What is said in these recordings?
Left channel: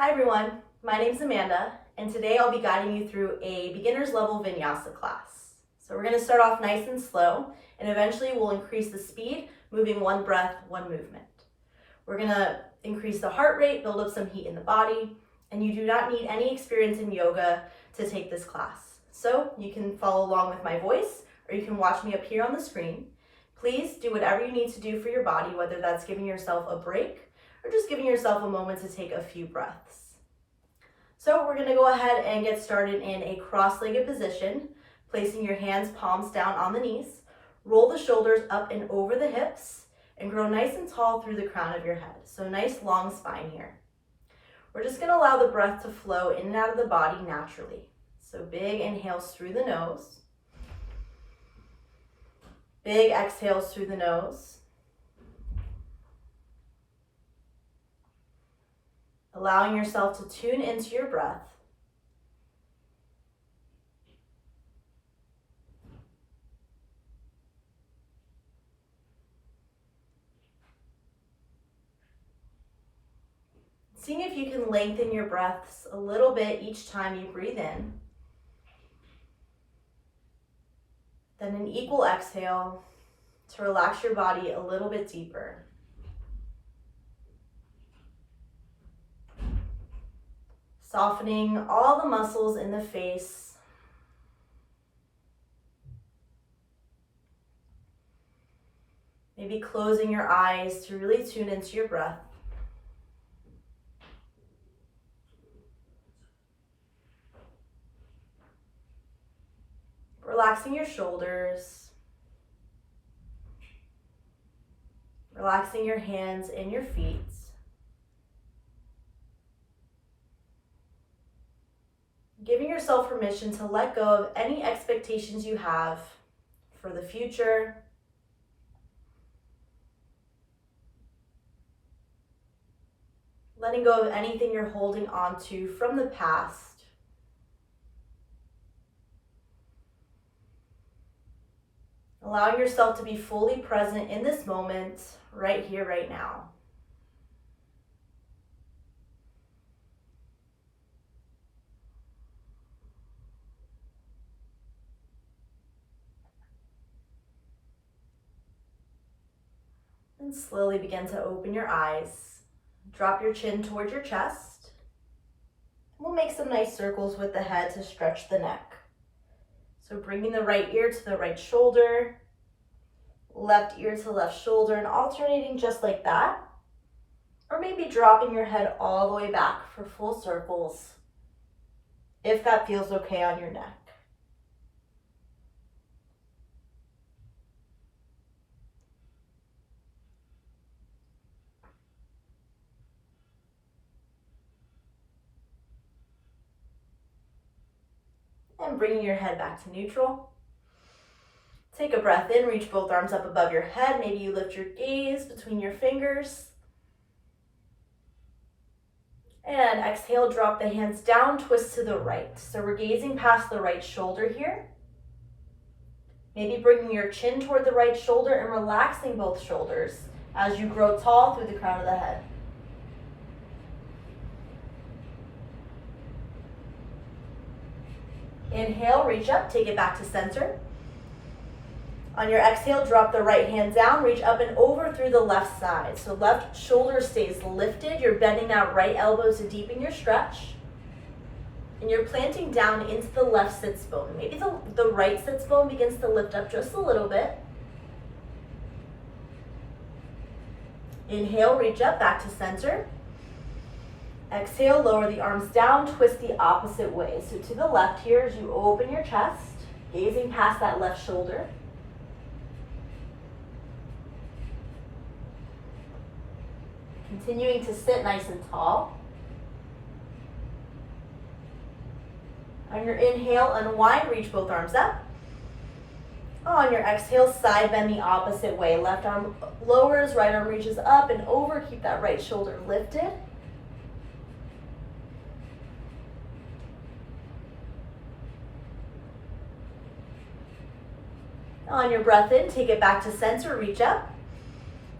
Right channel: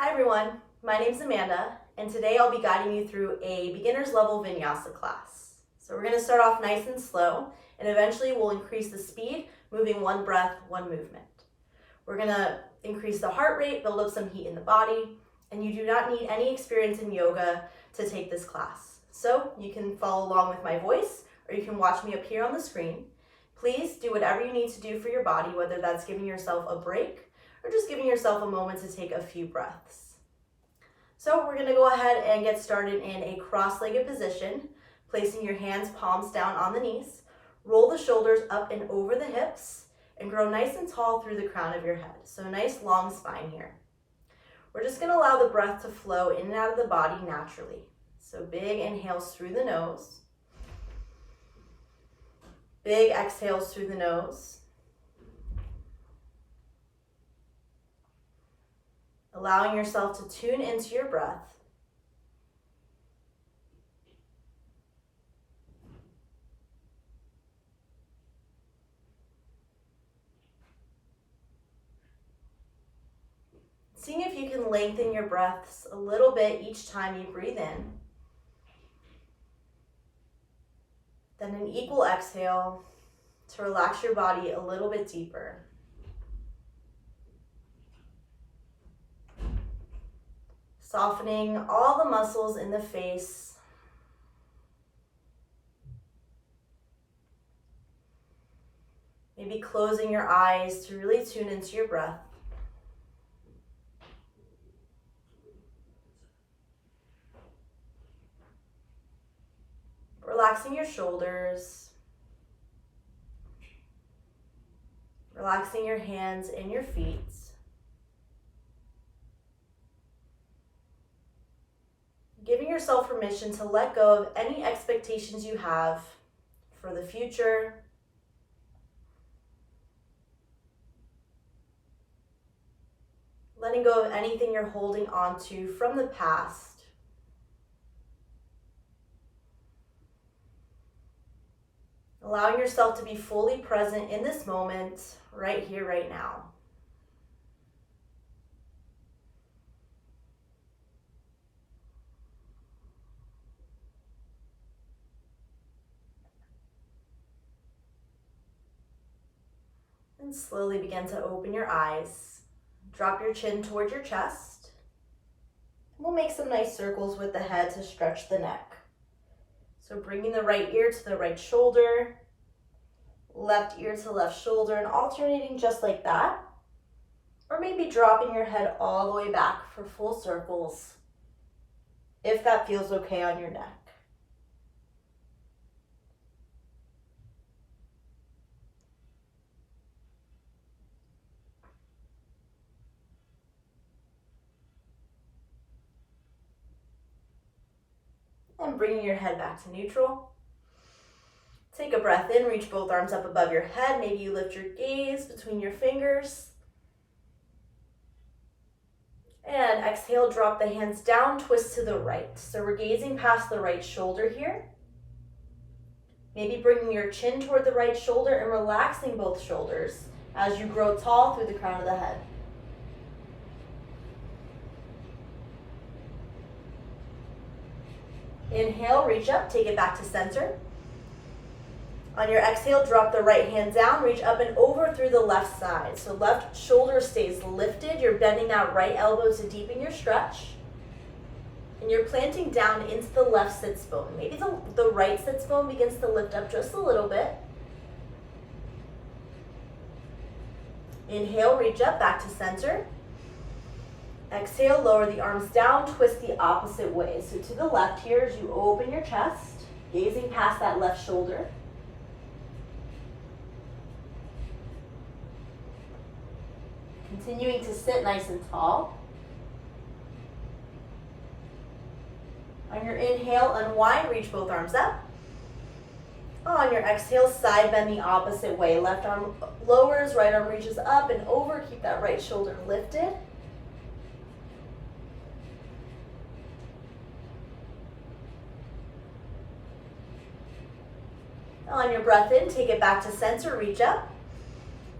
Hi everyone, my name is Amanda, and today I'll be guiding you through a beginner's level Vinyasa class. So we're going to start off nice and slow, and eventually we'll increase the speed, moving one breath, one movement. We're going to increase the heart rate, build up some heat in the body, and you do not need any experience in yoga to take this class. So you can follow along with my voice, or you can watch me up here on the screen. Please do whatever you need to do for your body, whether that's giving yourself a break or just giving yourself a moment to take a few breaths. So we're going to go ahead and get started in a cross-legged position, placing your hands palms down on the knees. Roll the shoulders up and over the hips and grow nice and tall through the crown of your head. So nice long spine here. We're just going to allow the breath to flow in and out of the body naturally. So big inhales through the nose. Big exhales through the nose. Allowing yourself to tune into your breath. Seeing if you can lengthen your breaths a little bit each time you breathe in. Then an equal exhale to relax your body a little bit deeper. Softening all the muscles in the face. Maybe closing your eyes to really tune into your breath. Relaxing your shoulders. Relaxing your hands and your feet. Giving yourself permission to let go of any expectations you have for the future. Letting go of anything you're holding on to from the past. Allowing yourself to be fully present in this moment, right here, right now. And slowly begin to open your eyes. Drop your chin towards your chest. We'll make some nice circles with the head to stretch the neck. So bringing the right ear to the right shoulder, left ear to left shoulder, and alternating just like that. Or maybe dropping your head all the way back for full circles, if that feels okay on your neck. And bringing your head back to neutral. Take a breath in, reach both arms up above your head. Maybe you lift your gaze between your fingers. And exhale, drop the hands down, twist to the right. So we're gazing past the right shoulder here. Maybe bringing your chin toward the right shoulder and relaxing both shoulders as you grow tall through the crown of the head. Inhale, reach up, take it back to center. On your exhale, drop the right hand down, reach up and over through the left side. So left shoulder stays lifted. You're bending that right elbow to deepen your stretch. And you're planting down into the left sits bone. Maybe the right sits bone begins to lift up just a little bit. Inhale, reach up, back to center. Exhale, lower the arms down, twist the opposite way. So to the left here as you open your chest, gazing past that left shoulder. Continuing to sit nice and tall. On your inhale, unwind, reach both arms up. On your exhale, side bend the opposite way. Left arm lowers, right arm reaches up and over. Keep that right shoulder lifted. On your breath in, take it back to center, reach up.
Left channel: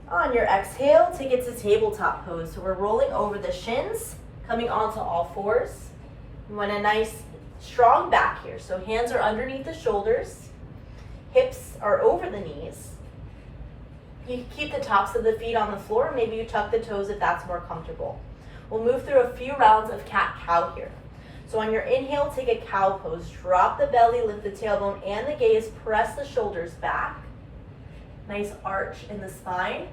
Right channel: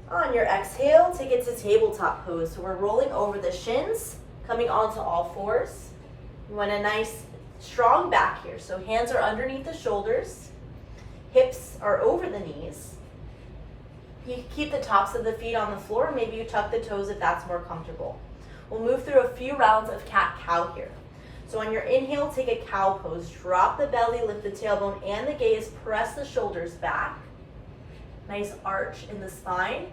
On your exhale, take it to tabletop pose. So we're rolling over the shins, Coming onto all fours. You want a nice strong back here. So hands are underneath the shoulders. Hips are over the knees. You can keep the tops of the feet on the floor. Maybe you tuck the toes if that's more comfortable. We'll move through a few rounds of cat-cow here. So on your inhale, take a cow pose. Drop the belly, lift the tailbone and the gaze. Press the shoulders back. Nice arch in the spine.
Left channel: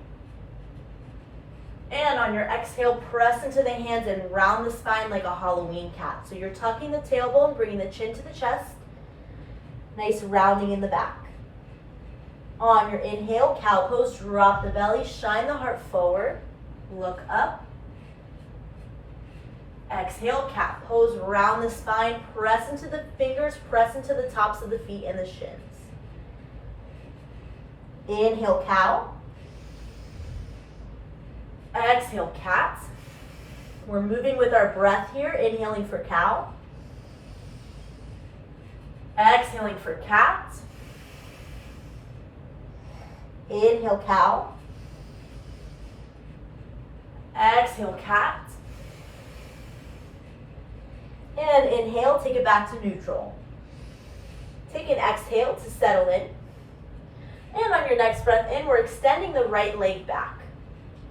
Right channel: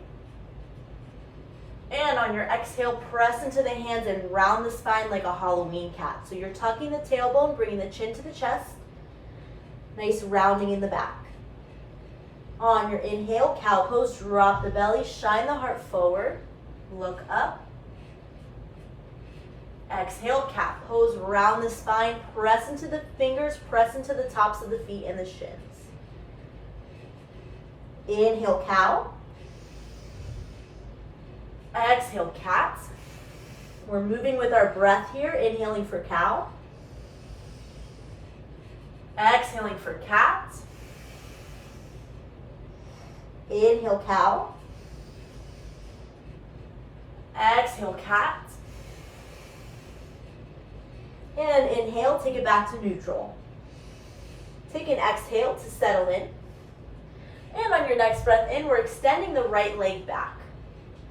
And on your exhale, press into the hands and round the spine like a Halloween cat. So you're tucking the tailbone, bringing the chin to the chest. Nice rounding in the back. On your inhale, cow pose, drop the belly, shine the heart forward, look up. Exhale, cat pose, round the spine, press into the fingers, press into the tops of the feet and the shins. Inhale, cow. Exhale, cat. We're moving with our breath here, inhaling for cow. Exhaling for cat. Inhale, cow. Exhale, cat. And inhale, take it back to neutral. Take an exhale to settle in. And on your next breath in, we're extending the right leg back.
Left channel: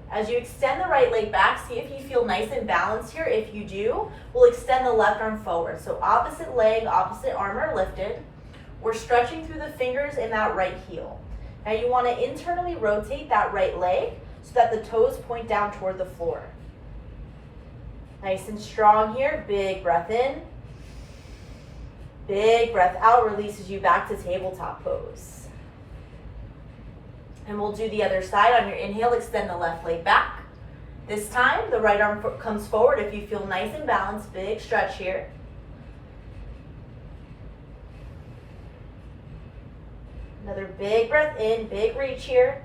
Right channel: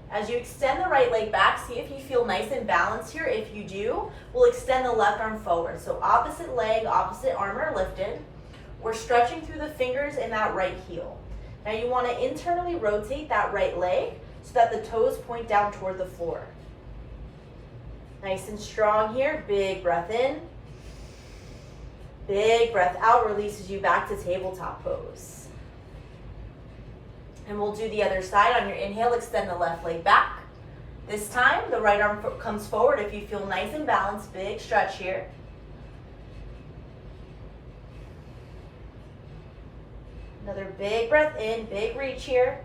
As you extend the right leg back, see if you feel nice and balanced here. If you do, we'll extend the left arm forward. So opposite leg, opposite arm are lifted. We're stretching through the fingers in that right heel. Now you want to internally rotate that right leg so that the toes point down toward the floor. Nice and strong here. Big breath in. Big breath out releases you back to tabletop pose. And we'll do the other side. On your inhale, extend the left leg back. This time, the right arm comes forward. If you feel nice and balanced, big stretch here. Another big breath in, big reach here.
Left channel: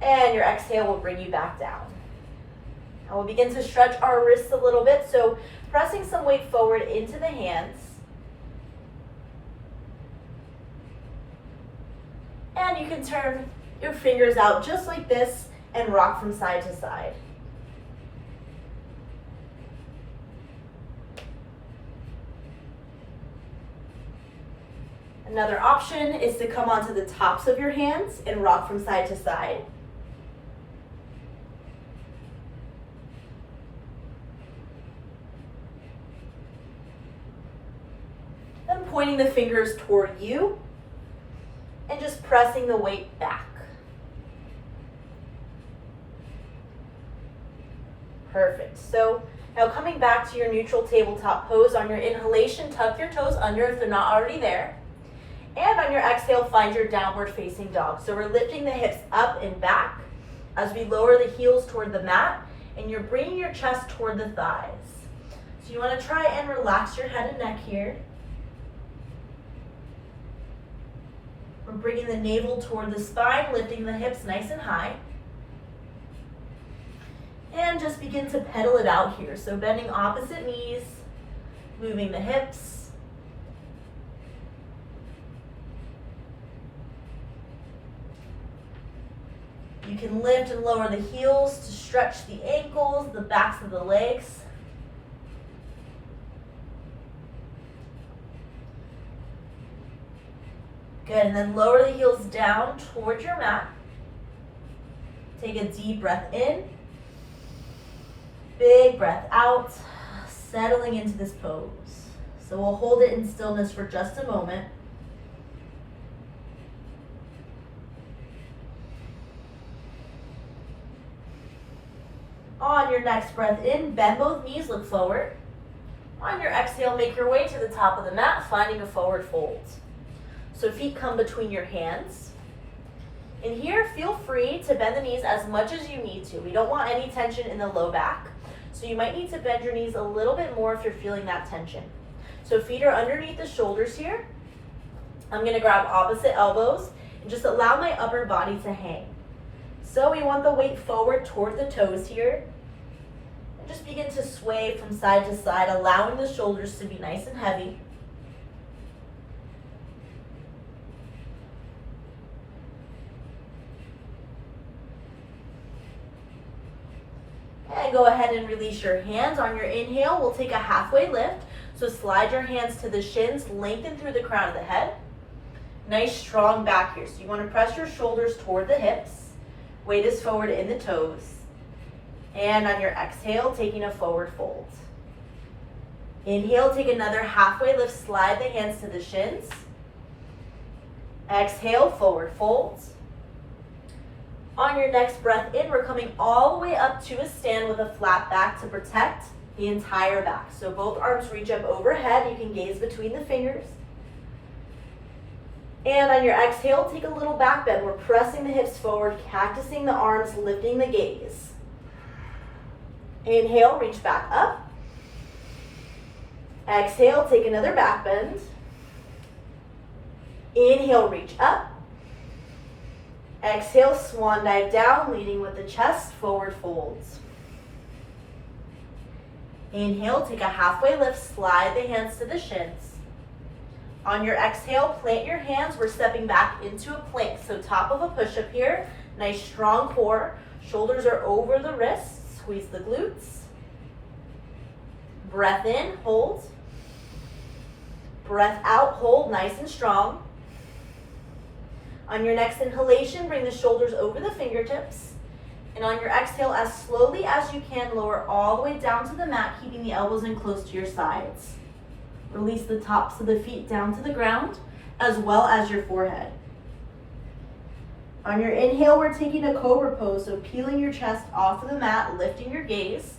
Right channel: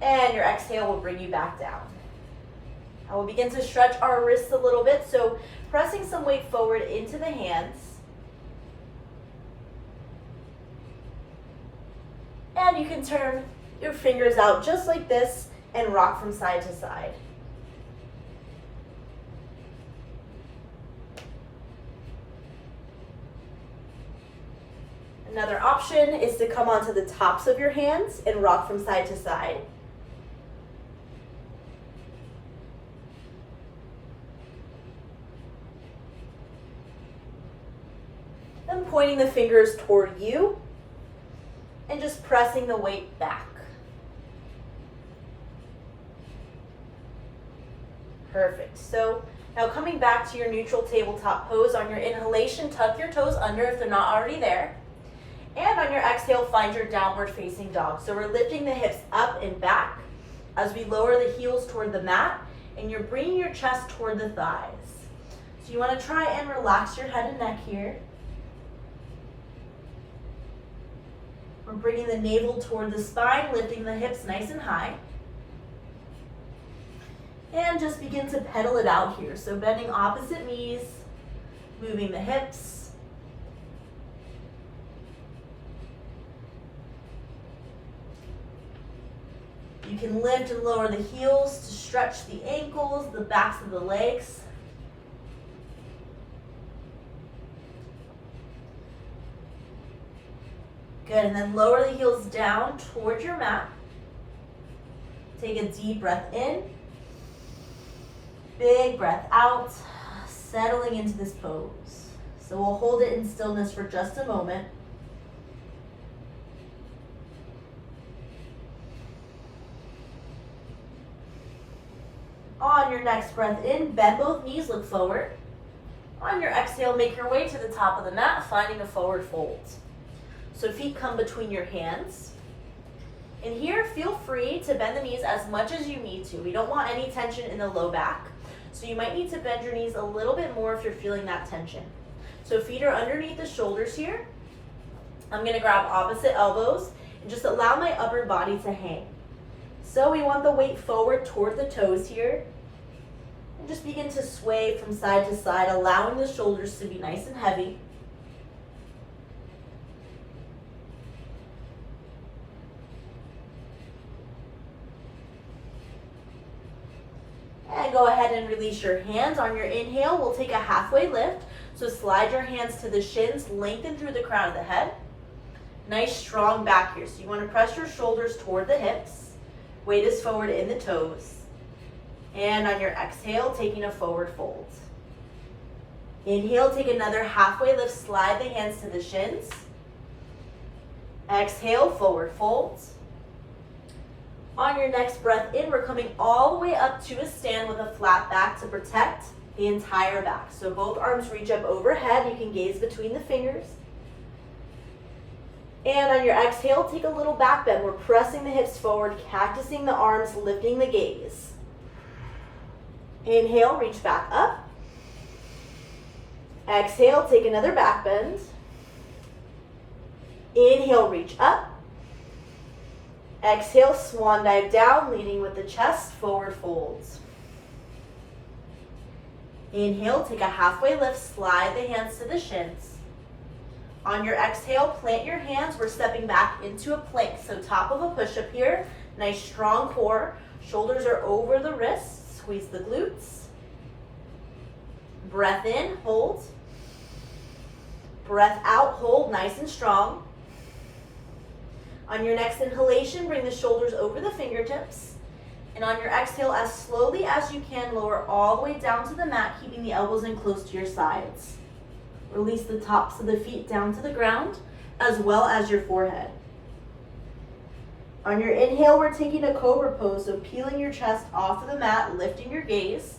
And your exhale will bring you back down. Now we'll begin to stretch our wrists a little bit. So pressing some weight forward into the hands. And you can turn your fingers out just like this and rock from side to side. Another option is to come onto the tops of your hands and rock from side to side. Then pointing the fingers toward you and just pressing the weight back. Perfect. So now coming back to your neutral tabletop pose, on your inhalation, tuck your toes under if they're not already there. And on your exhale, find your downward facing dog. So we're lifting the hips up and back as we lower the heels toward the mat, and you're bringing your chest toward the thighs. So you want to try and relax your head and neck here. We're bringing the navel toward the spine, lifting the hips nice and high. And just begin to pedal it out here. So bending opposite knees, moving the hips. You can lift and lower the heels to stretch the ankles, the backs of the legs. Good, and then lower the heels down towards your mat. Take a deep breath in. Big breath out, settling into this pose. So we'll hold it in stillness for just a moment. On your next breath in, bend both knees, look forward. On your exhale, make your way to the top of the mat, finding a forward fold. So feet come between your hands. And here, feel free to bend the knees as much as you need to. We don't want any tension in the low back. So you might need to bend your knees a little bit more if you're feeling that tension. So feet are underneath the shoulders here. I'm gonna grab opposite elbows and just allow my upper body to hang. So we want the weight forward toward the toes here. And just begin to sway from side to side, allowing the shoulders to be nice and heavy. And go ahead and release your hands. On your inhale, we'll take a halfway lift. So slide your hands to the shins, lengthen through the crown of the head. Nice strong back here. So you want to press your shoulders toward the hips. Weight is forward in the toes. And on your exhale, taking a forward fold. Inhale, take another halfway lift, slide the hands to the shins. Exhale, forward fold. On your next breath in, we're coming all the way up to a stand with a flat back to protect the entire back. So both arms reach up overhead. You can gaze between the fingers. And on your exhale, take a little back bend. We're pressing the hips forward, cactusing the arms, lifting the gaze. Inhale, reach back up. Exhale, take another back bend. Inhale, reach up. Exhale, swan dive down, leading with the chest, forward folds. Inhale, take a halfway lift, slide the hands to the shins. On your exhale, plant your hands. We're stepping back into a plank. So top of a push-up here, nice strong core. Shoulders are over the wrists, squeeze the glutes. Breath in, hold. Breath out, hold, nice and strong. On your next inhalation, bring the shoulders over the fingertips. And on your exhale, as slowly as you can, lower all the way down to the mat, keeping the elbows in close to your sides. Release the tops of the feet down to the ground, as well as your forehead. On your inhale, we're taking a cobra pose, so peeling your chest off of the mat, lifting your gaze.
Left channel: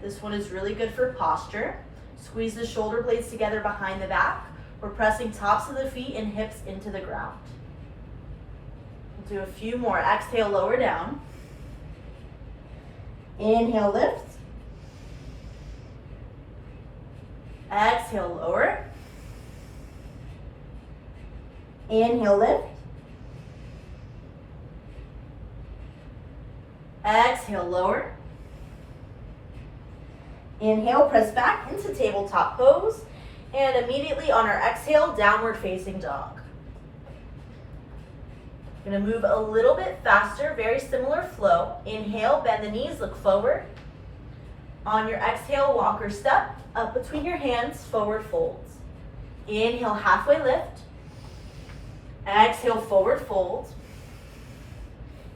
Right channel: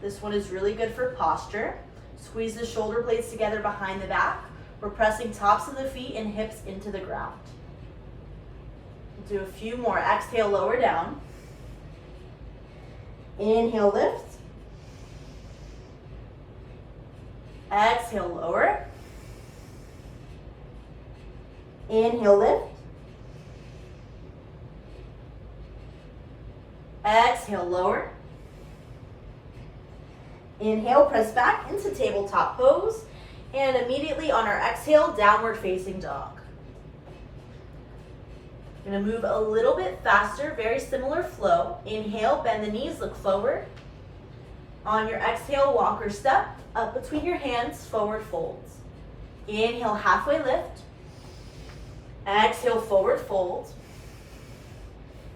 This one is really good for posture. Squeeze the shoulder blades together behind the back. We're pressing tops of the feet and hips into the ground. Do a few more. Exhale, lower down. Inhale, lift. Exhale, lower. Inhale, lift. Exhale, lower. Inhale, press back into tabletop pose. And immediately on our exhale, downward facing dog. I'm going to move a little bit faster, very similar flow. Inhale, bend the knees, look forward. On your exhale, walk or step, up between your hands, forward folds. Inhale, halfway lift. Exhale, forward fold.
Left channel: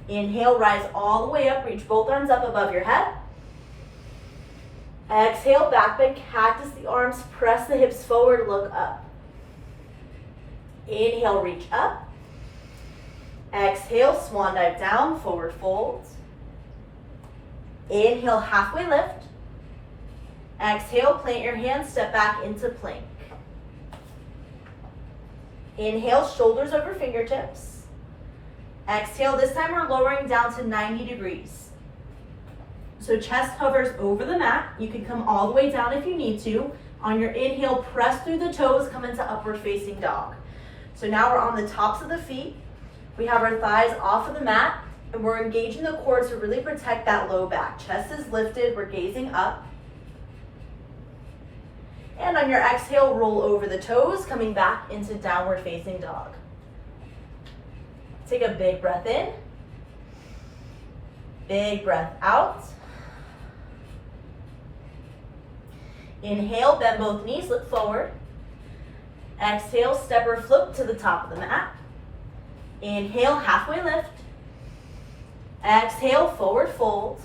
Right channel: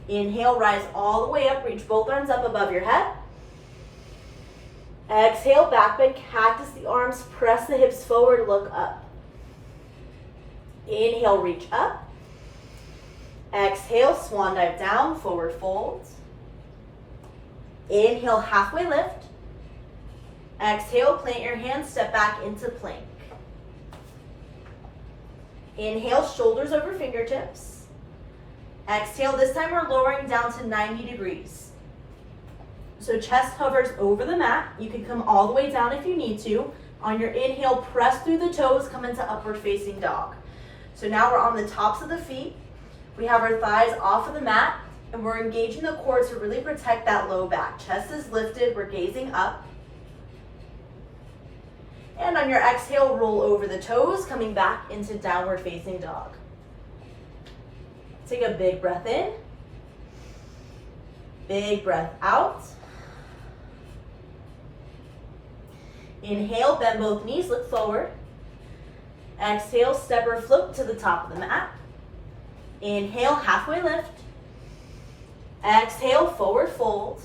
Inhale, rise all the way up, reach both arms up above your head. Exhale, back bend, cactus the arms, press the hips forward, look up. Inhale, reach up. Exhale, swan dive down, forward fold. Inhale, halfway lift. Exhale, plant your hands, step back into plank. Inhale, shoulders over fingertips. Exhale, this time we're lowering down to 90 degrees. So chest hovers over the mat. You can come all the way down if you need to. On your inhale, press through the toes, come into upward facing dog. So now we're on the tops of the feet. We have our thighs off of the mat, and we're engaging the core to really protect that low back. Chest is lifted, we're gazing up. And on your exhale, roll over the toes, coming back into downward facing dog. Take a big breath in. Big breath out. Inhale, bend both knees, look forward. Exhale, step or float to the top of the mat. Inhale, halfway lift. Exhale, forward fold.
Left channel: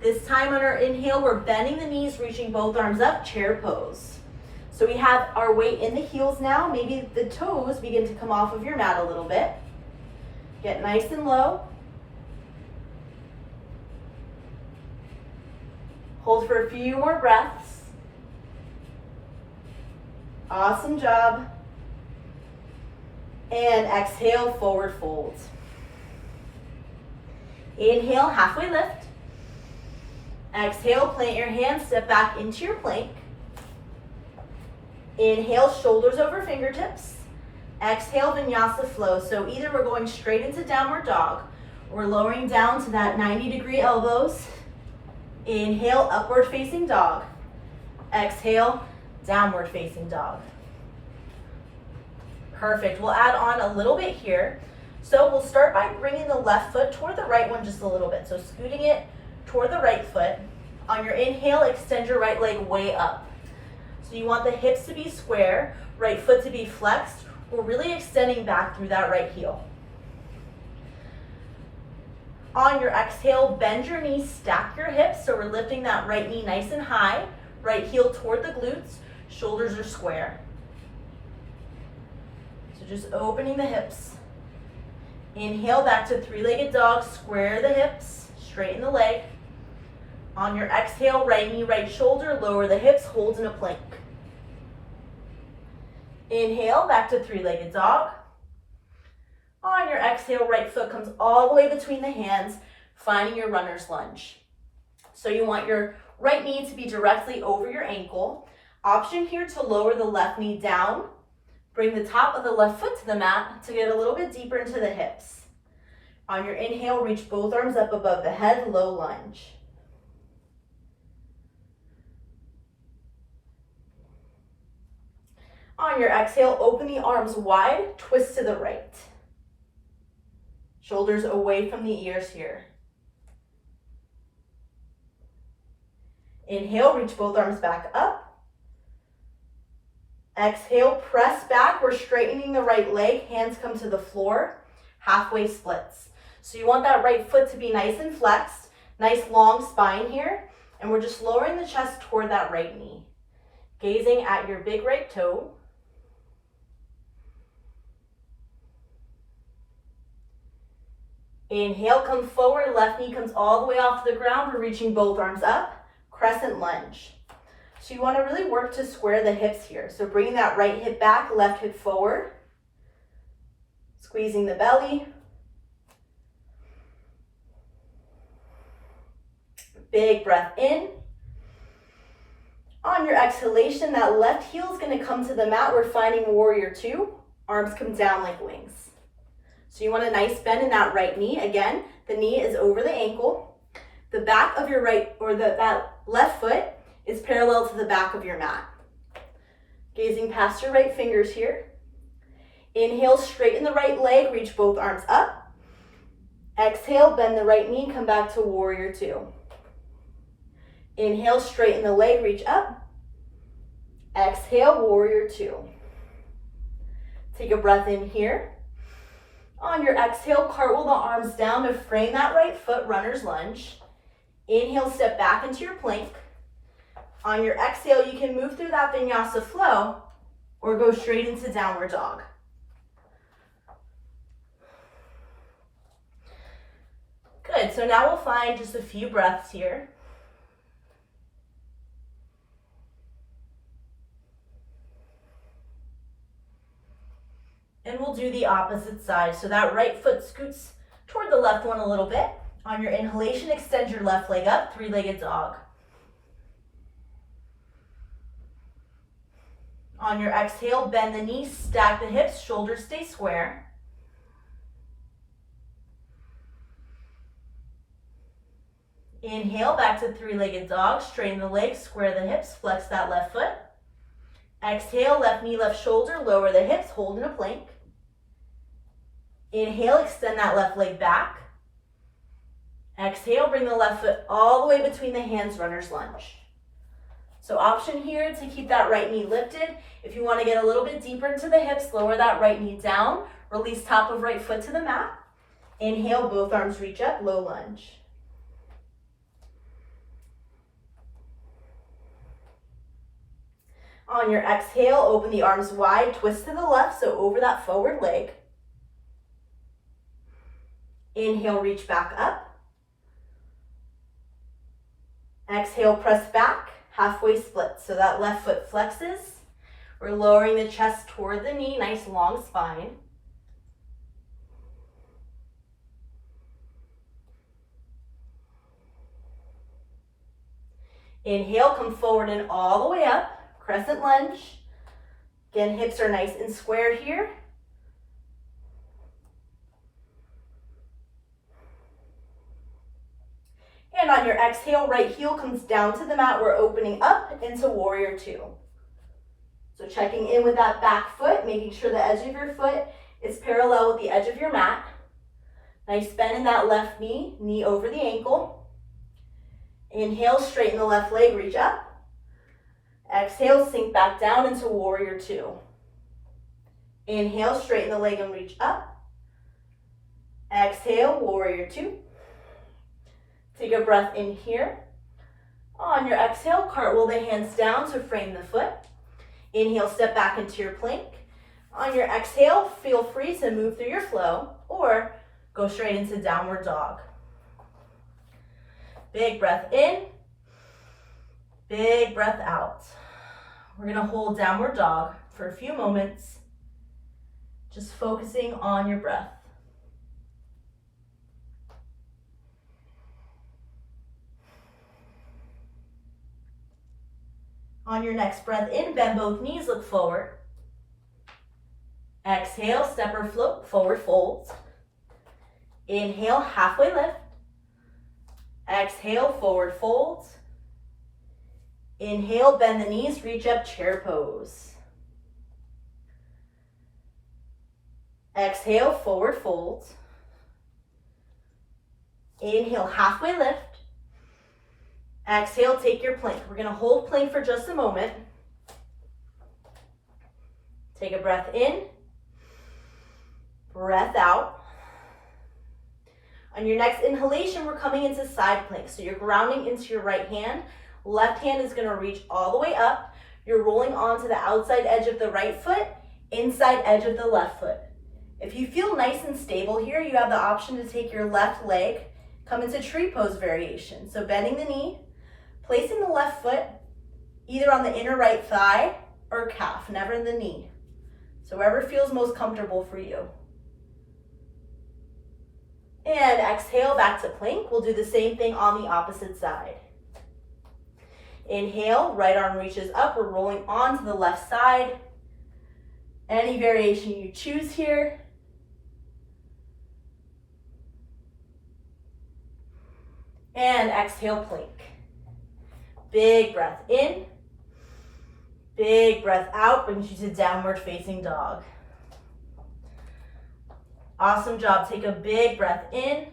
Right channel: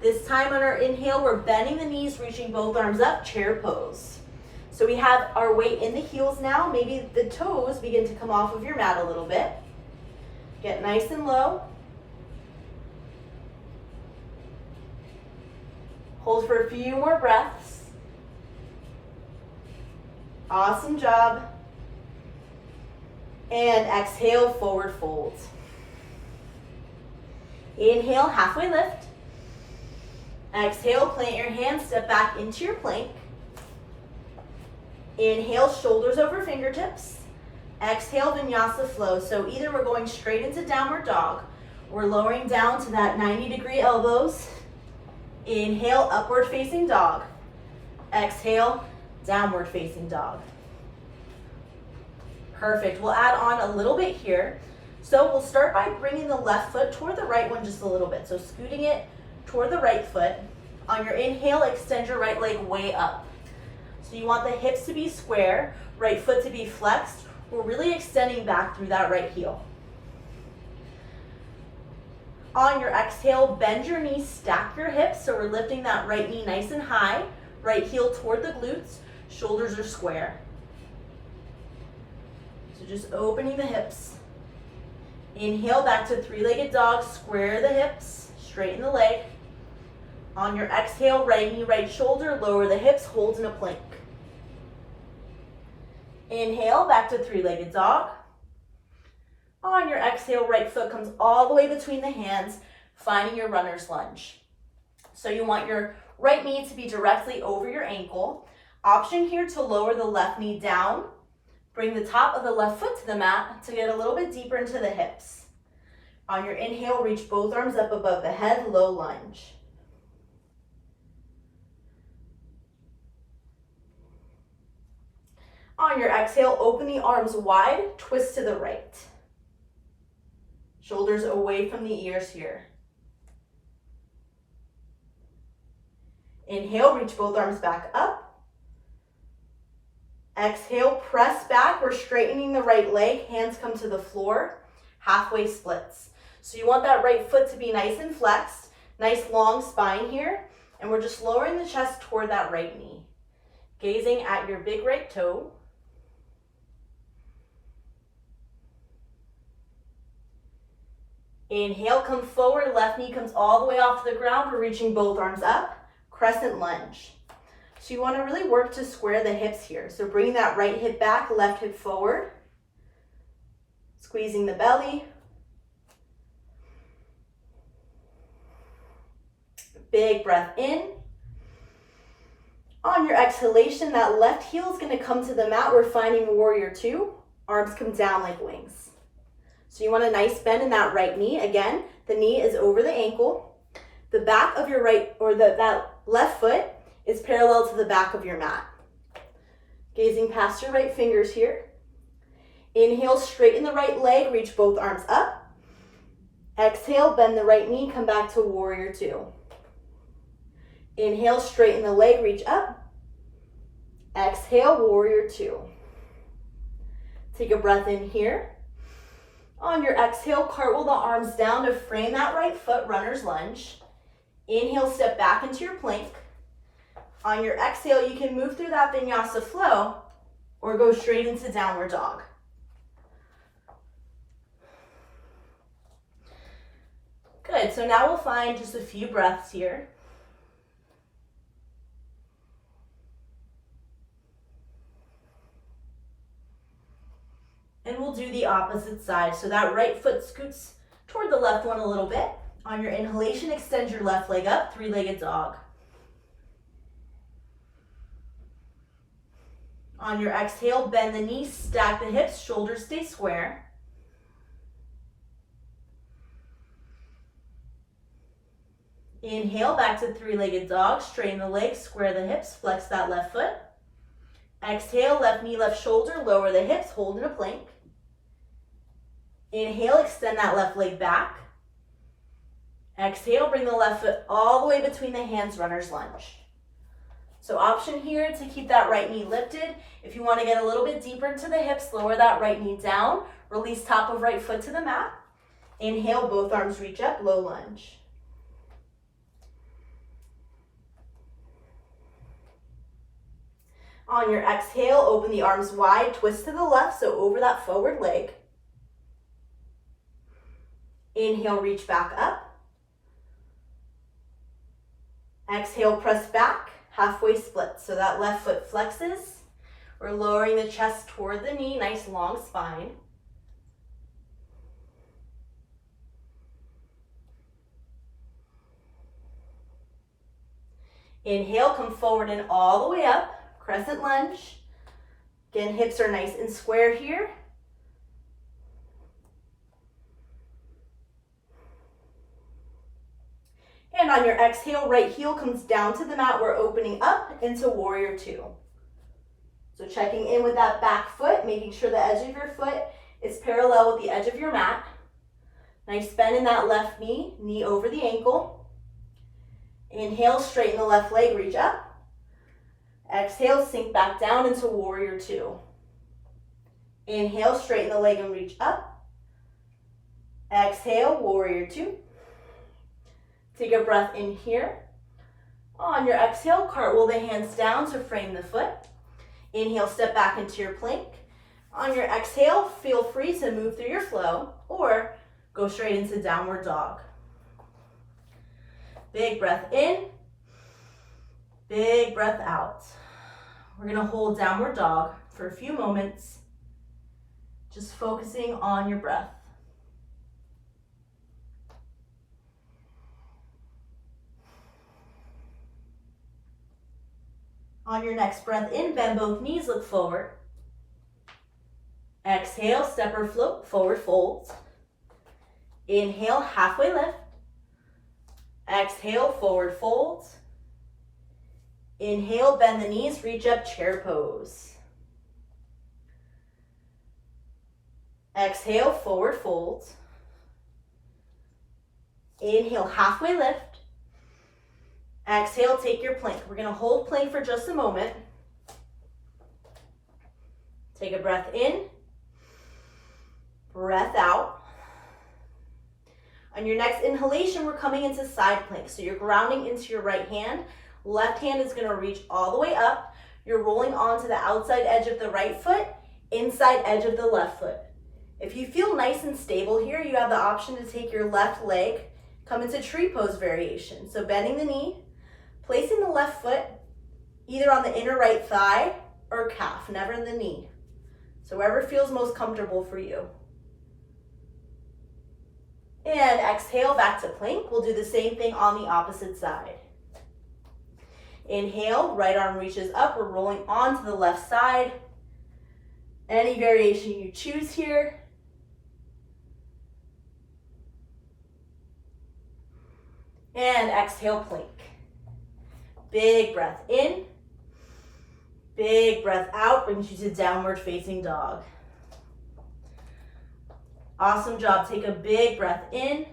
This time on our inhale, we're bending the knees, reaching both arms up, chair pose. So we have our weight in the heels now. Maybe the toes begin to come off of your mat a little bit. Get nice and low. Hold for a few more breaths. Awesome job. And exhale, forward fold. Inhale, halfway lift. Exhale, plant your hands, step back into your plank. Inhale, shoulders over fingertips. Exhale, Vinyasa flow. So either we're going straight into downward dog, we're lowering down to that 90-degree elbows. Inhale, upward facing dog. Exhale, downward facing dog. Perfect. We'll add on a little bit here. So we'll start by bringing the left foot toward the right one just a little bit. So scooting it toward the right foot. On your inhale, extend your right leg way up. So you want the hips to be square, right foot to be flexed. We're really extending back through that right heel. On your exhale, bend your knees, stack your hips, so we're lifting that right knee nice and high, right heel toward the glutes, shoulders are square. So just opening the hips. Inhale back to three-legged dog, square the hips, straighten the leg. On your exhale, right knee, right shoulder, lower the hips, hold in a plank. Inhale, back to three-legged dog. On your exhale, right foot comes all the way between the hands, finding your runner's lunge. So you want your right knee to be directly over your ankle. Option here to lower the left knee down. Bring the top of the left foot to the mat to get a little bit deeper into the hips. On your inhale, reach both arms up above the head, low lunge. On your exhale, open the arms wide, twist to the right. Shoulders away from the ears here. Inhale, reach both arms back up. Exhale, press back. We're straightening the right leg. Hands come to the floor. Halfway splits. So you want that right foot to be nice and flexed. Nice long spine here. And we're just lowering the chest toward that right knee. Gazing at your big right toe. Inhale, come forward, left knee comes all the way off the ground. We're reaching both arms up, crescent lunge. So you want to really work to square the hips here. So bringing that right hip back, left hip forward. Squeezing the belly. Big breath in. On your exhalation, that left heel is going to come to the mat. We're finding warrior two. Arms come down like wings. So you want a nice bend in that right knee. Again, the knee is over the ankle. The back of your right, or that left foot is parallel to the back of your mat. Gazing past your right fingers here. Inhale, straighten the right leg, reach both arms up. Exhale, bend the right knee, come back to warrior two. Inhale, straighten the leg, reach up. Exhale, warrior two. Take a breath in here. On your exhale, cartwheel the arms down to frame that right foot, runner's lunge. Inhale, step back into your plank. On your exhale, you can move through that vinyasa flow or go straight into downward dog. Good, so now we'll find just a few breaths here. And we'll do the opposite side. So that right foot scoots toward the left one a little bit. On your inhalation, extend your left leg up, three-legged dog. On your exhale, bend the knees, stack the hips, shoulders stay square. Inhale, back to three-legged dog, straighten the legs, square the hips, flex that left foot. Exhale, left knee, left shoulder, lower the hips, hold in a plank. Inhale, extend that left leg back. Exhale, bring the left foot all the way between the hands, runner's lunge. So option here to keep that right knee lifted. If you want to get a little bit deeper into the hips, lower that right knee down. Release top of right foot to the mat. Inhale, both arms reach up, low lunge. On your exhale, open the arms wide, twist to the left, so over that forward leg. Inhale, reach back up. Exhale, press back, halfway split. So that left foot flexes. We're lowering the chest toward the knee, nice long spine. Inhale, come forward and all the way up. Crescent lunge. Again, hips are nice and square here. And on your exhale, right heel comes down to the mat. We're opening up into warrior two. So checking in with that back foot, making sure the edge of your foot is parallel with the edge of your mat. Nice bend in that left knee, knee over the ankle. Inhale, straighten the left leg, reach up. Exhale, sink back down into warrior two. Inhale, straighten the leg and reach up. Exhale, warrior two. Take a breath in here. On your exhale, cartwheel the hands down to frame the foot. Inhale, step back into your plank. On your exhale, feel free to move through your flow or go straight into downward dog. Big breath in, big breath out. We're gonna hold downward dog for a few moments, just focusing on your breath. On your next breath in, bend both knees, look forward. Exhale, step or float, forward folds. Inhale, halfway lift. Exhale, forward folds. Inhale, bend the knees, reach up, chair pose. Exhale, forward folds. Inhale, halfway lift. Exhale, take your plank. We're gonna hold plank for just a moment. Take a breath in, breath out. On your next inhalation, we're coming into side plank. So you're grounding into your right hand. Left hand is gonna reach all the way up. You're rolling onto the outside edge of the right foot, inside edge of the left foot. If you feel nice and stable here, you have the option to take your left leg, come into tree pose variation. So bending the knee, placing the left foot either on the inner right thigh or calf, never in the knee. So wherever feels most comfortable for you. And exhale back to plank. We'll do the same thing on the opposite side. Inhale, right arm reaches up. We're rolling onto the left side. Any variation you choose here. And exhale, plank. Big breath in, big breath out, brings you to downward facing dog. Awesome job. Take a big breath in,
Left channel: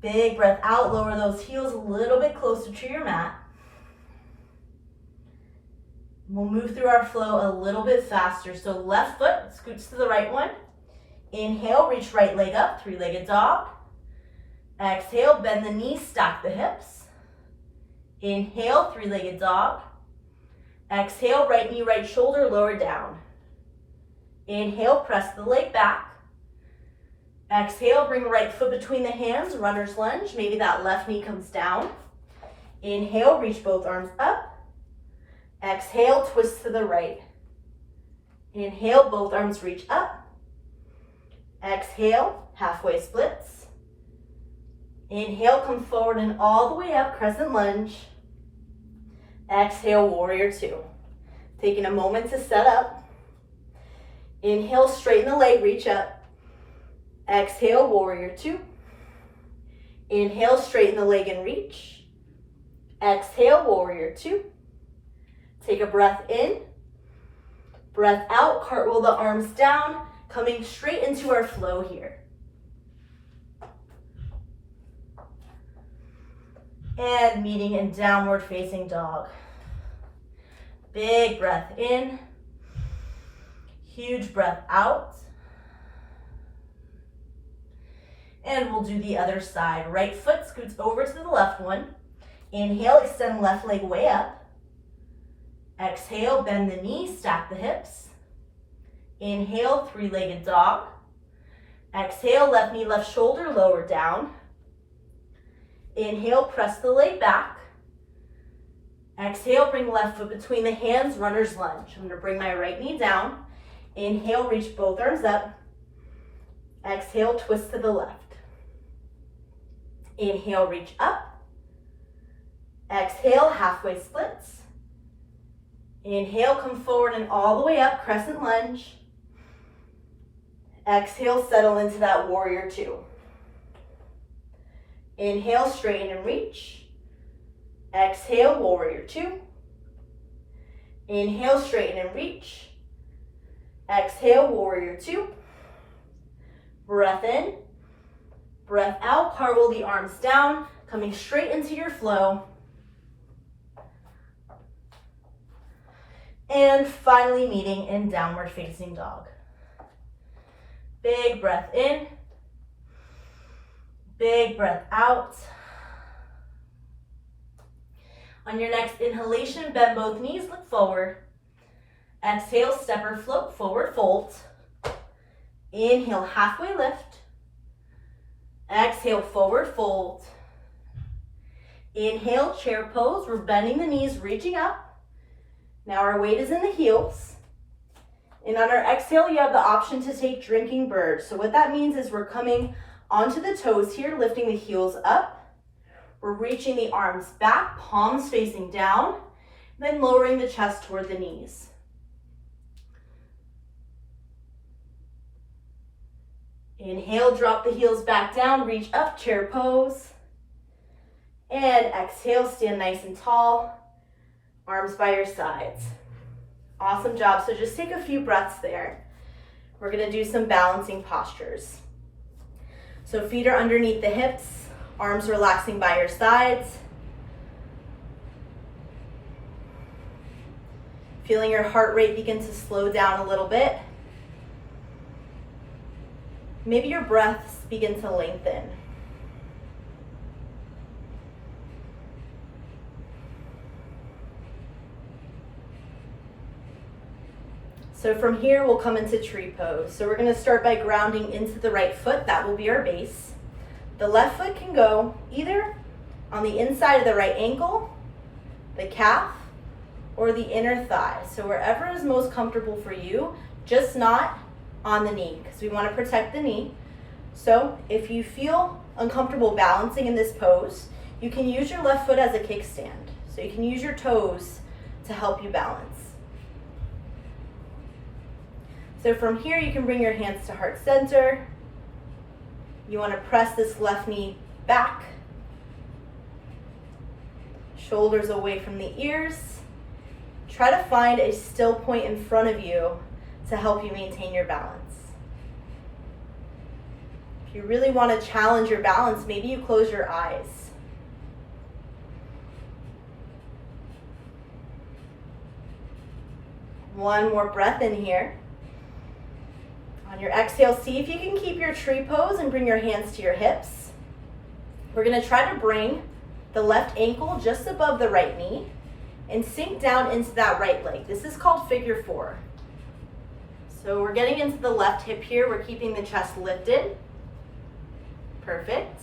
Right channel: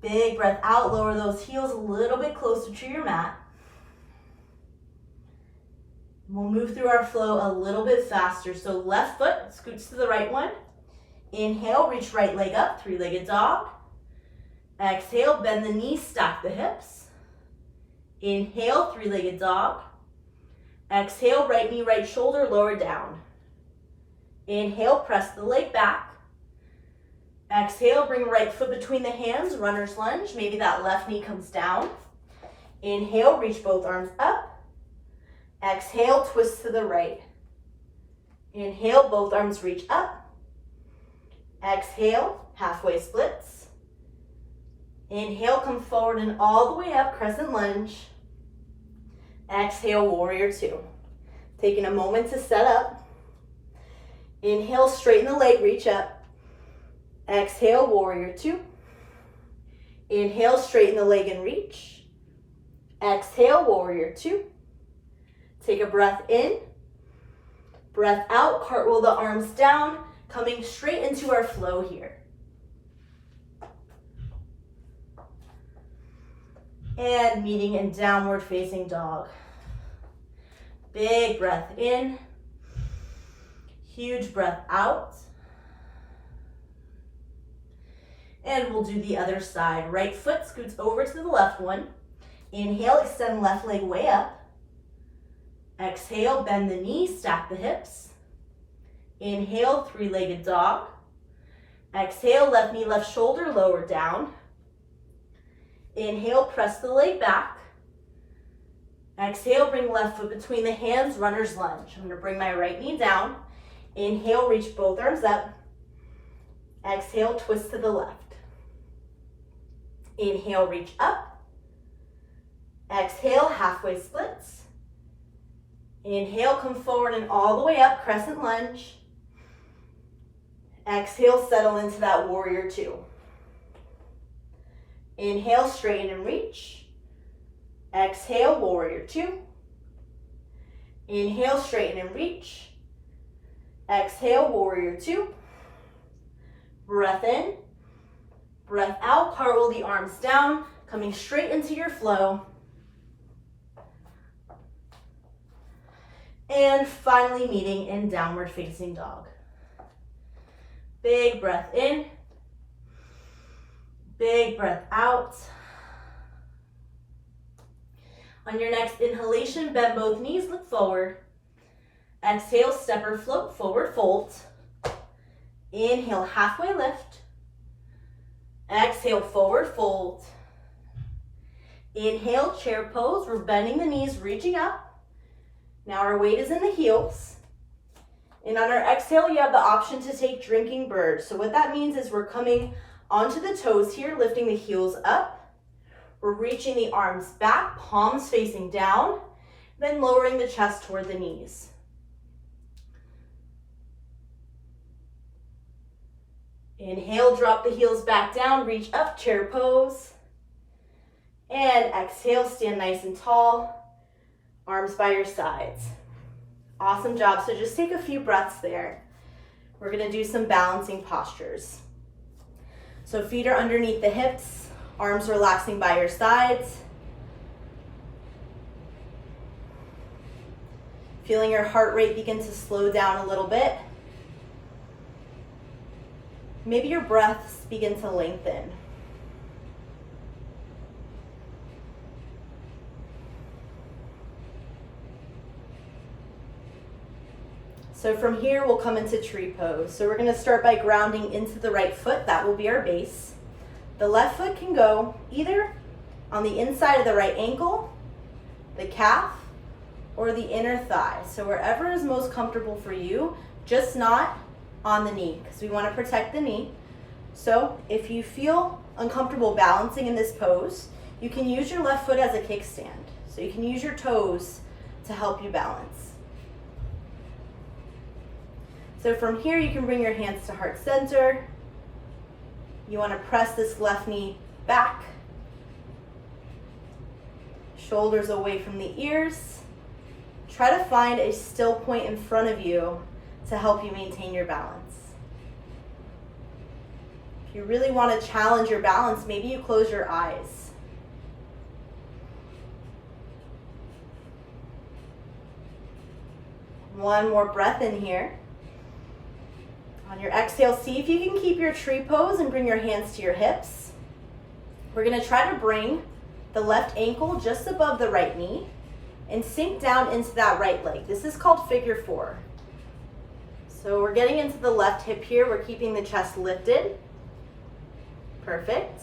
big breath out. Lower those heels a little bit closer to your mat. We'll move through our flow a little bit faster. So left foot scoots to the right one. Inhale, reach right leg up, three-legged dog. Exhale, bend the knees, stack the hips. Inhale, three-legged dog. Exhale, right knee, right shoulder, lower down. Inhale, press the leg back. Exhale, bring right foot between the hands, runner's lunge. Maybe that left knee comes down. Inhale, reach both arms up. Exhale, twist to the right. Inhale, both arms reach up. Exhale, halfway splits. Inhale, come forward and all the way up, crescent lunge. Exhale, warrior two. Taking a moment to set up. Inhale, straighten the leg, reach up. Exhale, warrior two. Inhale, straighten the leg and reach. Exhale, warrior two. Take a breath in, breath out, cartwheel the arms down, coming straight into our flow here. And meeting in downward facing dog. Big breath in, huge breath out. And we'll do the other side. Right foot scoots over to the left one. Inhale, extend left leg way up. Exhale, bend the knee, stack the hips. Inhale, three-legged dog. Exhale, left knee, left shoulder, lower down. Inhale, press the leg back. Exhale, bring left foot between the hands, runner's lunge. I'm gonna bring my right knee down. Inhale, reach both arms up. Exhale, twist to the left. Inhale, reach up. Exhale, halfway splits. Inhale, come forward and all the way up, crescent lunge. Exhale, settle into that warrior two. Inhale, straighten and reach. Exhale, warrior two. Inhale, straighten and reach. Exhale, warrior two. Breath in, breath out, cartwheel the arms down, coming straight into your flow. And finally meeting in downward facing dog. Big breath in, big breath out. On your next inhalation, bend both knees, look forward. Exhale, step or float, forward fold. Inhale, halfway lift. Exhale, forward fold. Inhale, chair pose. We're bending the knees, reaching up. Now our weight is in the heels. And on our exhale, you have the option to take drinking bird. So what that means is we're coming onto the toes here, lifting the heels up. We're reaching the arms back, palms facing down, then lowering the chest toward the knees. Inhale, drop the heels back down, reach up, chair pose. And exhale, stand nice and tall, arms by your sides. Awesome job. So just take a few breaths there. We're gonna do some balancing postures. So feet are underneath the hips, arms relaxing by your sides. Feeling your heart rate begin to slow down a little bit. Maybe your breaths begin to lengthen. So from here, we'll come into tree pose. So we're gonna start by grounding into the right foot. That will be our base. The left foot can go either on the inside of the right ankle, the calf, or the inner thigh. So wherever is most comfortable for you, just not on the knee, because we want to protect the knee. So if you feel uncomfortable balancing in this pose, you can use your left foot as a kickstand. So you can use your toes to help you balance. So from here, you can bring your hands to heart center. You want to press this left knee back. Shoulders away from the ears. Try to find a still point in front of you to help you maintain your balance. If you really want to challenge your balance, maybe you close your eyes. One more breath in here. On your exhale, see if you can keep your tree pose and bring your hands to your hips. We're going to try to bring the left ankle just above the right knee and sink down into that right leg. This is called figure four. So we're getting into the left hip here. We're keeping the chest lifted. Perfect.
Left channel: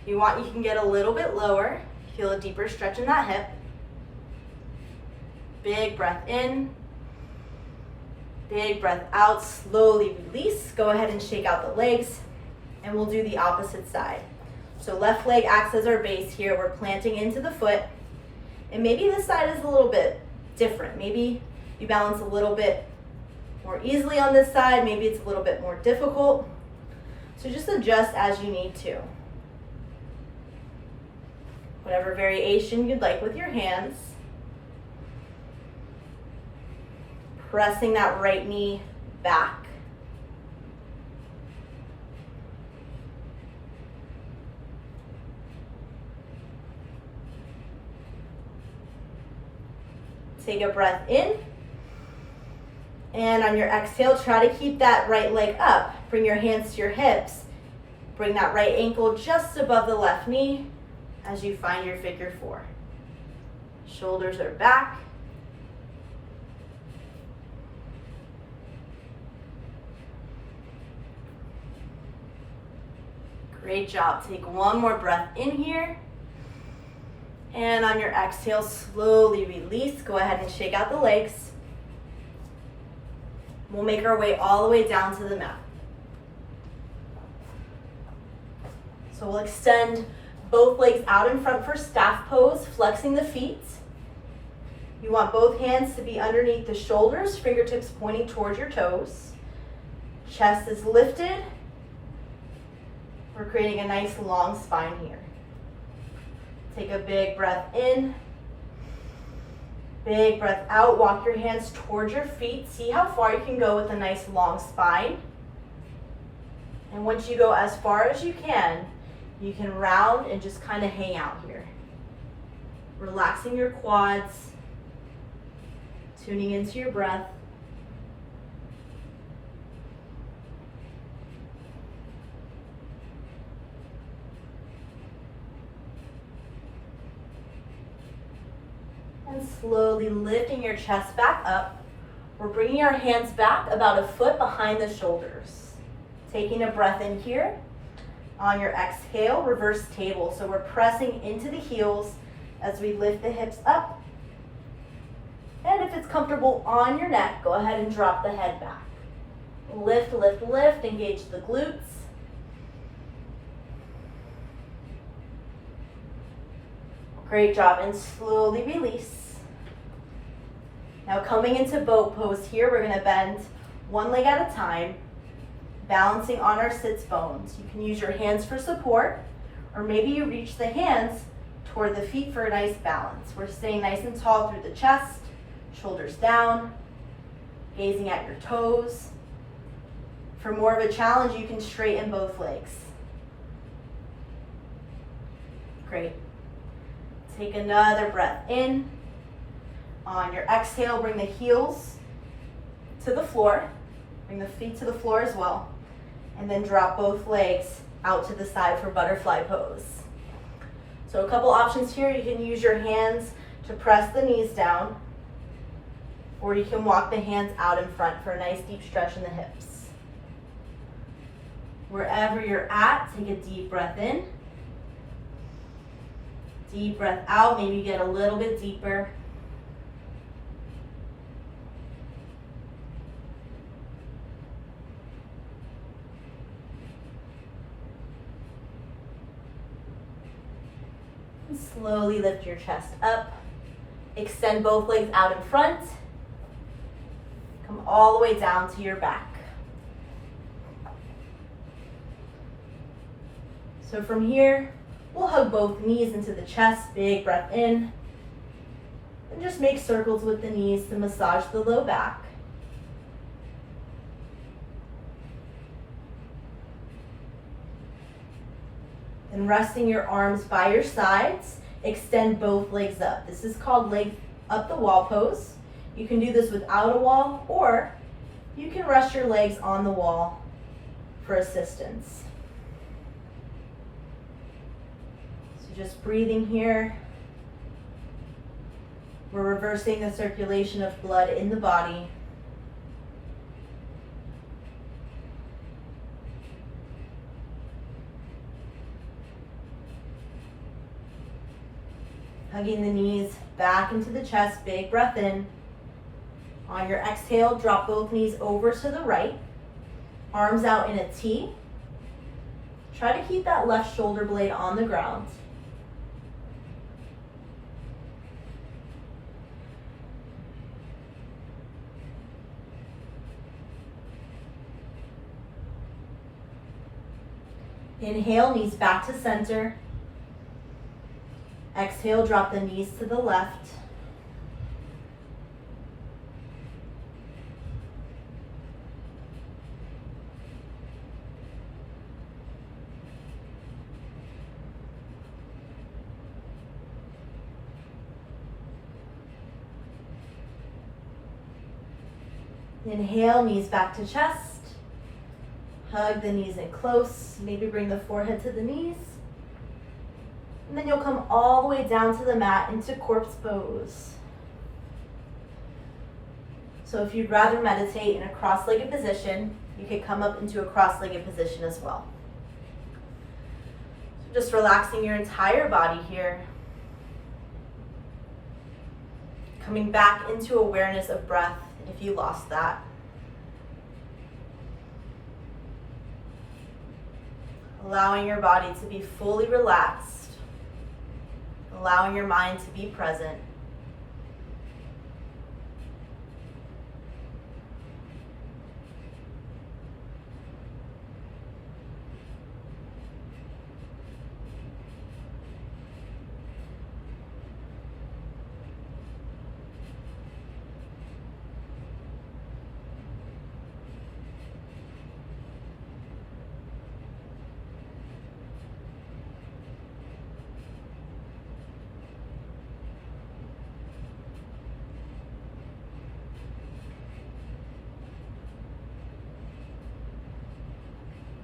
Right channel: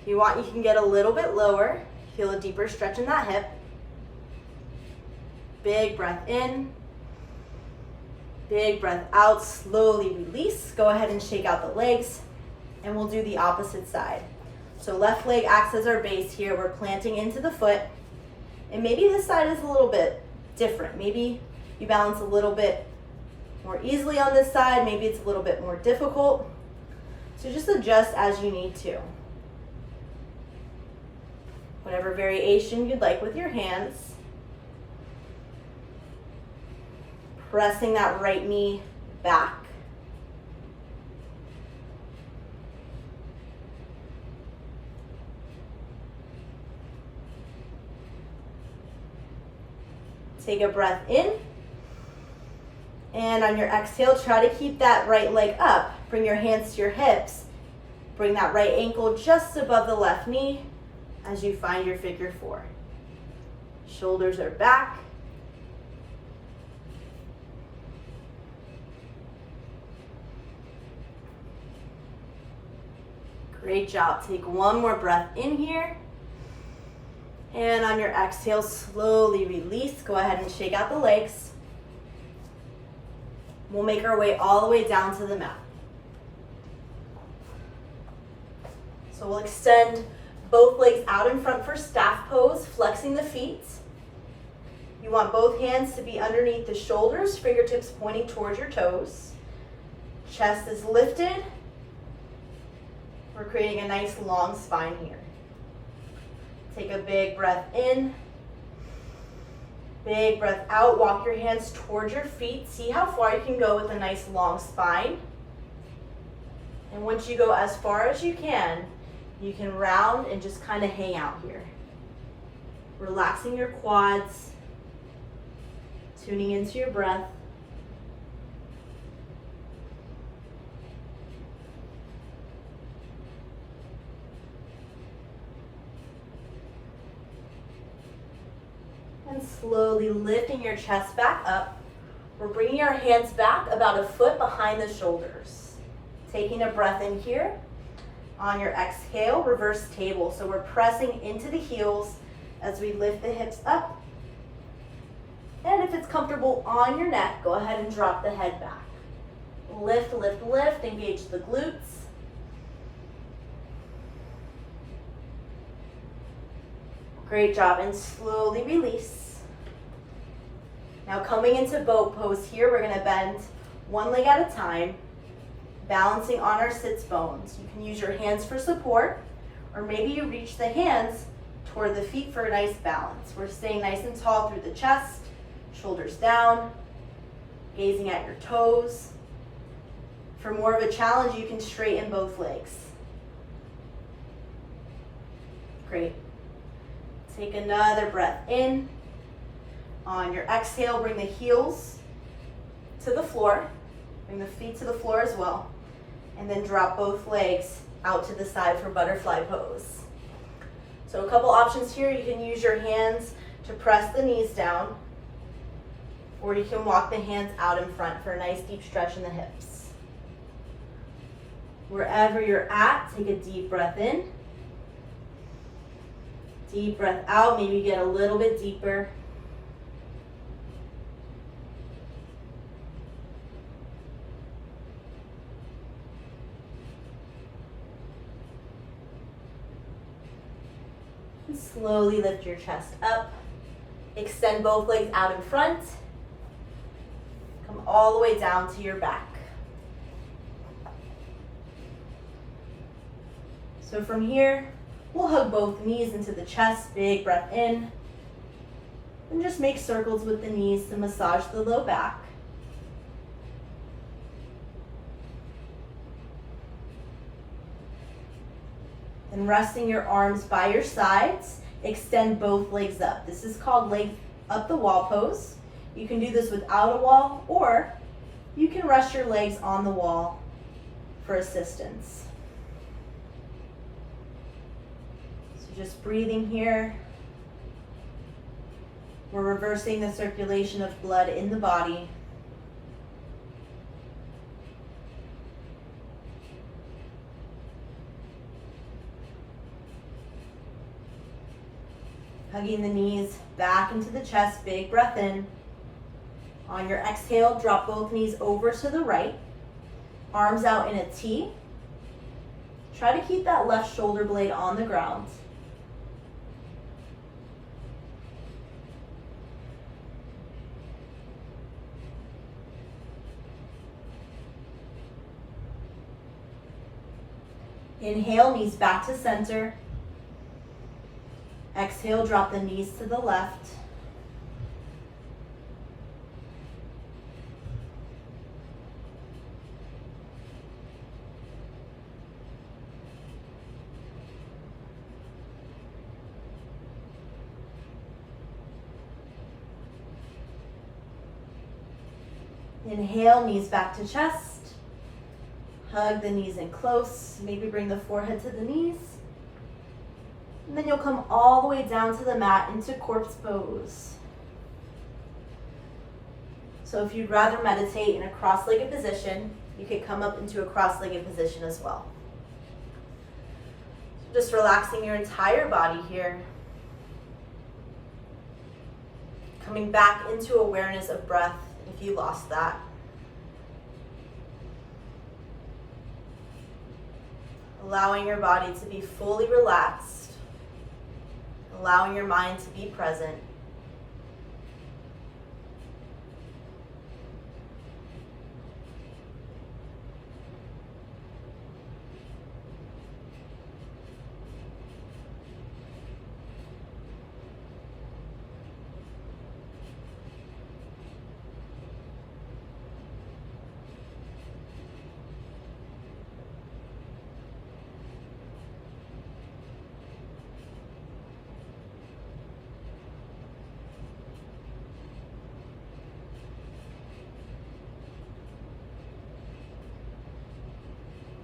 If you want, you can get a little bit lower. Feel a deeper stretch in that hip. Big breath in. Big breath out, slowly release. Go ahead and shake out the legs, and we'll do the opposite side. So left leg acts as our base here. We're planting into the foot, and maybe this side is a little bit different. Maybe you balance a little bit more easily on this side. Maybe it's a little bit more difficult. So just adjust as you need to. Whatever variation you'd like with your hands. Pressing that right knee back. Take a breath in. And on your exhale, try to keep that right leg up. Bring your hands to your hips. Bring that right ankle just above the left knee as you find your figure four. Shoulders are back. Great job. Take one more breath in here. And on your exhale, slowly release. Go ahead and shake out the legs. We'll make our way all the way down to the mat. So we'll extend both legs out in front for staff pose, flexing the feet. You want both hands to be underneath the shoulders, fingertips pointing towards your toes. Chest is lifted. We're creating a nice long spine here. Take a big breath in. Big breath out. Walk your hands towards your feet. See how far you can go with a nice long spine. And once you go as far as you can, You can round and just kind of hang out here. Relaxing your quads, tuning into your breath. And slowly lifting your chest back up. We're bringing our hands back about a foot behind the shoulders. Taking a breath in here. On your exhale, reverse table. So we're pressing into the heels as we lift the hips up. And if it's comfortable on your neck, go ahead and drop the head back. Lift, lift, lift, engage the glutes. Great job, and slowly release. Now coming into boat pose here, we're gonna bend one leg at a time, balancing on our sits bones. You can use your hands for support, or maybe you reach the hands toward the feet for a nice balance. We're staying nice and tall through the chest, shoulders down, gazing at your toes. For more of a challenge, you can straighten both legs. Great. Take another breath in. On your exhale, bring the heels to the floor. Bring the feet to the floor as well. And then drop both legs out to the side for butterfly pose. So a couple options here. You can use your hands to press the knees down, or you can walk the hands out in front for a nice deep stretch in the hips. Wherever you're at, take a deep breath in. Deep breath out, maybe get a little bit deeper. And slowly lift your chest up. Extend both legs out in front. Come all the way down to your back. So from here, we'll hug both knees into the chest, big breath in. And just make circles with the knees to massage the low back. And resting your arms by your sides, extend both legs up. This is called leg up the wall pose. You can do this without a wall, or you can rest your legs on the wall for assistance. Just breathing here. We're reversing the circulation of blood in the body. Hugging the knees back into the chest, big breath in. On your exhale, drop both knees over to the right. Arms out in a T. Try to keep that left shoulder blade on the ground. Inhale, knees back to center. Exhale, drop the knees to the left. Inhale, knees back to chest. Hug the knees in close. Maybe bring the forehead to the knees. And then you'll come all the way down to the mat into corpse pose. So if you'd rather meditate in a cross-legged position, you could come up into a cross-legged position as well. So just relaxing your entire body here. Coming back into awareness of breath if you lost that. Allowing your body to be fully relaxed. Allowing your mind to be present.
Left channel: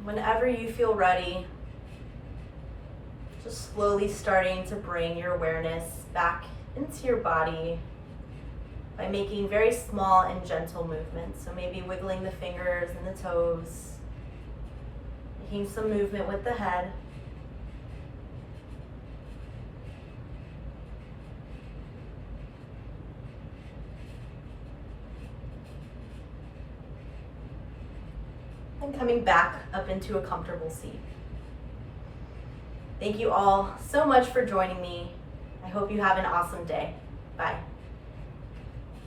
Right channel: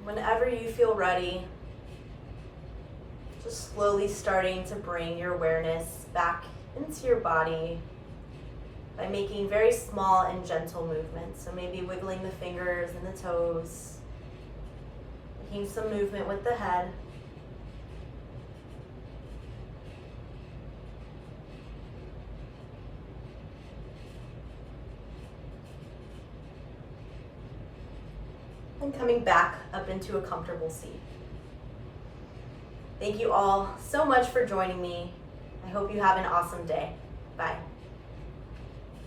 Whenever you feel ready, just slowly starting to bring your awareness back into your body by making very small and gentle movements. So maybe wiggling the fingers and the toes, making some movement with the head. And coming back up into a comfortable seat. Thank you all so much for joining me. I hope you have an awesome day. Bye.